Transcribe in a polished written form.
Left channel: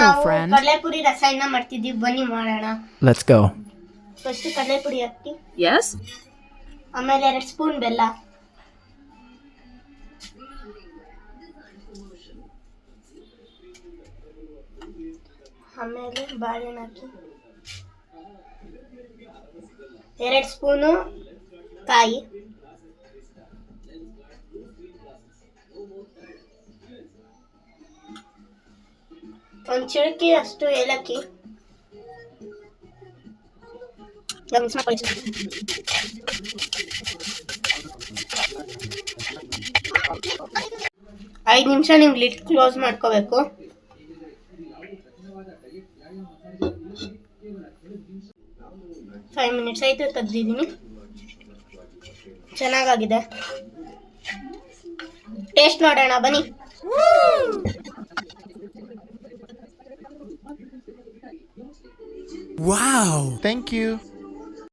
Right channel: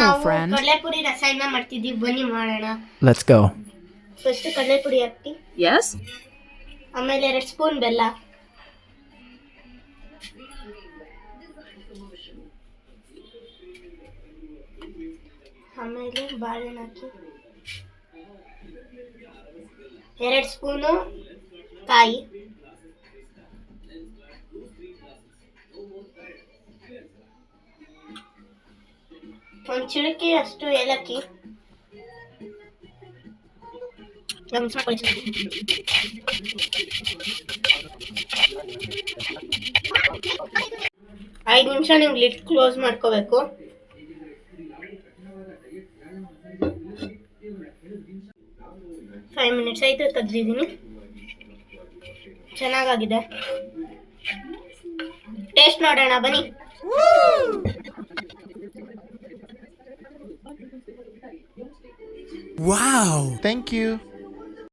ನಾವು friend. ಕಡಲೆಪುರಿ ರಸಾಯನ ಮಾಡ್ತಿದ್ದೀವಿ, ಬನ್ನಿ ಮಾಡೋಣ. Let's go. ಫಸ್ಟ್ ಕಡಲೆಪುರಿ ಹಾಕಿ, Yes. ಆಮೇಲೆ 2 ಸ್ಪೂನ್ ಬೆಲ್ಲ, ಆಮೇಲೆ ಬಾಳೆಹಣ್ಣು ಹಾಕಿ, 2 ಸ್ಪೂನು ಕಾಯಿ, ಒಂದು ಚಿಟಿಕೆ ಅಷ್ಟು ಏಲಕ್ಕಿ, ಮಿಕ್ಸ್ ಮಾಡ್ಕೊಳ್ಳಿ. 5 ನಿಮಿಷ ನೀವು ಲಿಡ್ ಕ್ಲೋಸ್ ಮಾಡ್ಕೋಬೇಕು. 5 ಮಿನಿಟ್ಸ್ ಆಯಿತು, ತೆಗ್ದಿದ್ದೀನಿ. ಚೆನ್ನಾಗಾಗಿದೆ. ಟೇಸ್ಟ್ ಮಾಡೋಣ ಬನ್ನಿ. Wow. Thank you.